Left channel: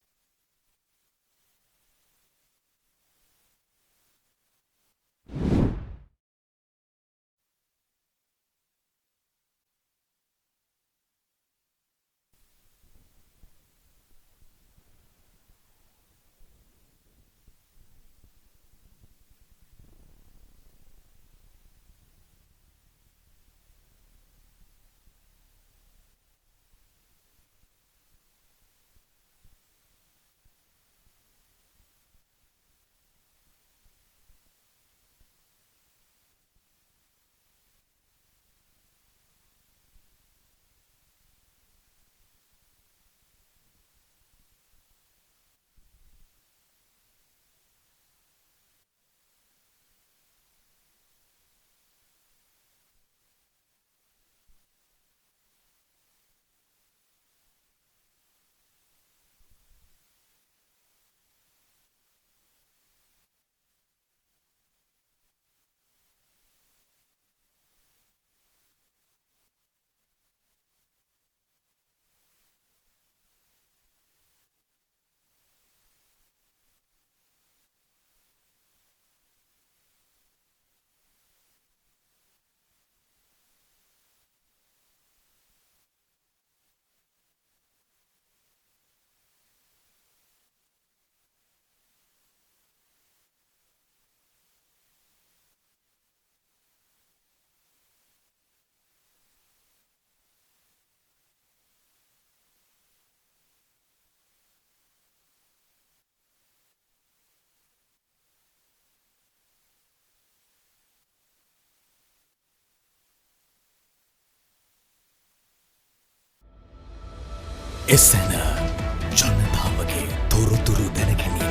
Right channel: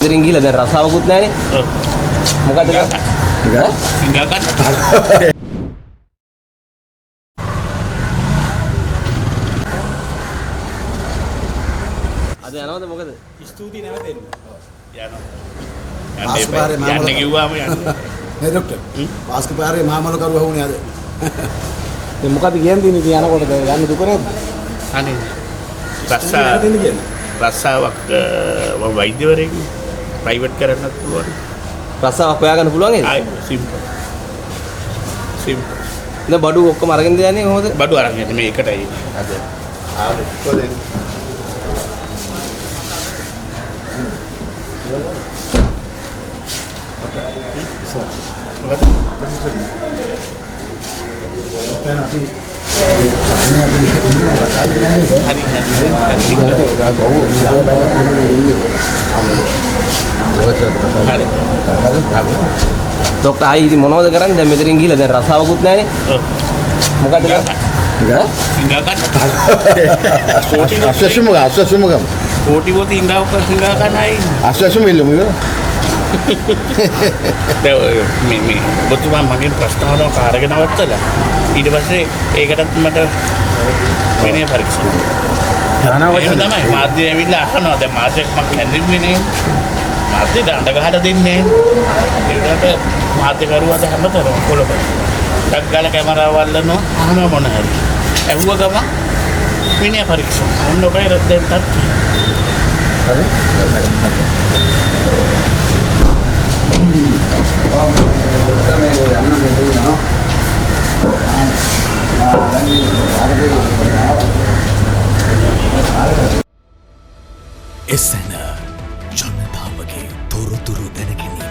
ඉතින් ගිහලා දැන් රසාවකුත් නැහැනේ. ඔව්. මොකද ඈ? සිංගල් ගන්න. අද යනවද මොකද? ස්තුතියි නැවතෙන්න. යනවා. යන්න කිව්වාම යන්න. නේ ડોක්ටර්. පාස්ක පාරේ මාමල කරුවා වුණේ අද. දැන් මොකද කියන්නේ ඉතින් යනකොට යන්න දුක නැද්ද? අනේ. රස්සාවක් වෛද්‍යවරයෙක් ප්‍රයිවට් කරන්නත් පුළුවන්. රසාවක් හොයාගන්න පුළුවන් නේද? ආයි සිම්පල්. දැන් බඩු ඔක්කොම අරගෙන යන්නේ කොහොමද? බඩු අරන් යන්නේ මේ එකටයි අද. ආවේ කොහෙද? ડોක්ටර් ආයි ඉතින් මොනවද කරන්නේ? දැන් මෙතනින් ගිහලා දැන් රසාවකුත් නැහැනේ. ඔව්. මොකද සිංගල් ගන්න. අස්වැසුමගම්. කෝටි පොති ඉඳාවක සිංගල් ගන්නයි. අස්වැසුම ඉල්ලමු ඉවර. මේ ඔබතුමා මගෙන් ප්‍රශ්නාවක් අරගෙන අවත්තලා ඊට පස්සේ ඒකටත් මට විනය පරීක්ෂණ එහෙම තමයි මාධ්‍ය ඇවිල්ලා අහනවා දැන් මාධ්‍යක් මම හැඳින්වෙන්නේ නේ මාධ්‍ය දඬ ගහලා දෙන්නේ ඒකට මාධ්‍යකරුවාද හැමතැනම කොළඹ ටක් ගාලා කැමරාව වල්ලනවා අහනවා මොන හරි ඇහුව ගම විනය පරීක්ෂණ ඔන්න ඔබේ දැන් තත් හරි එසැන ජනතාවගේ තොරතුරු දැනගැනීම